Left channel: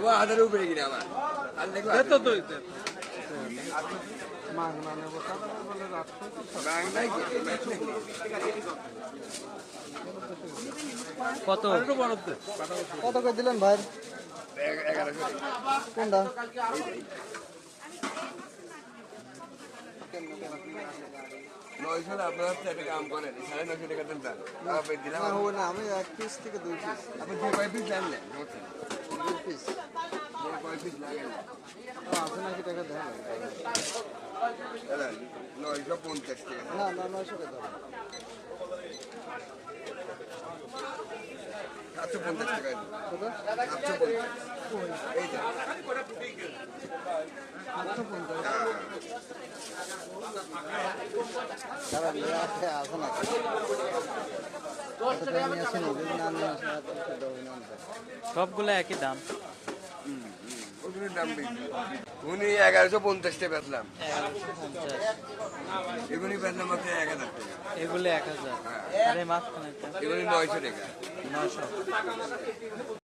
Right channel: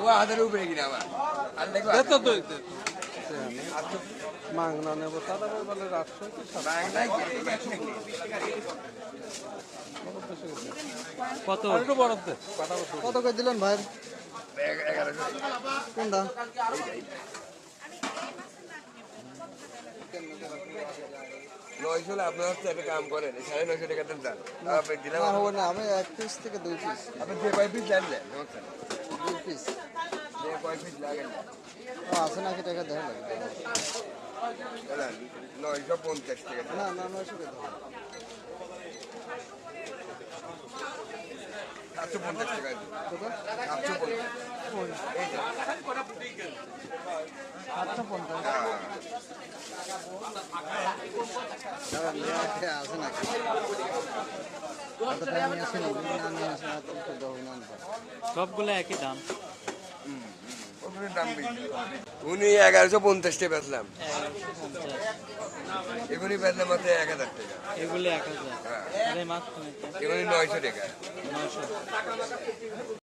ও হাজার উপরে কিনা আমার মাংনা নেব তারা বলে রাখছো কত কত করে দিলেন ভাই কোনটা নয়শো না আপনি হচ্ছে একটা কাম করেন 950 টাকা দেন দিলাম না হবে না আমি এক পিস থেকে 2 পিস আপনি যে কয় পিস জানলেন 2 পিস যে কয় পিস লাগেন আছে নাকি টাকা দেওয়া বলেন 950 টাকা না না 900 টাকা 750 টাকা কত 750 এই যে 750 তারা লেয়া আছে নাকি সবগুলো একই দাম। উনি 1150 টাকা বেচলাম 1150, এগুলি বেচলাম মাত্র 1000 টাকা এগুলো 1000, আরে মাঝখানে এগুলি 900 টাকা 900।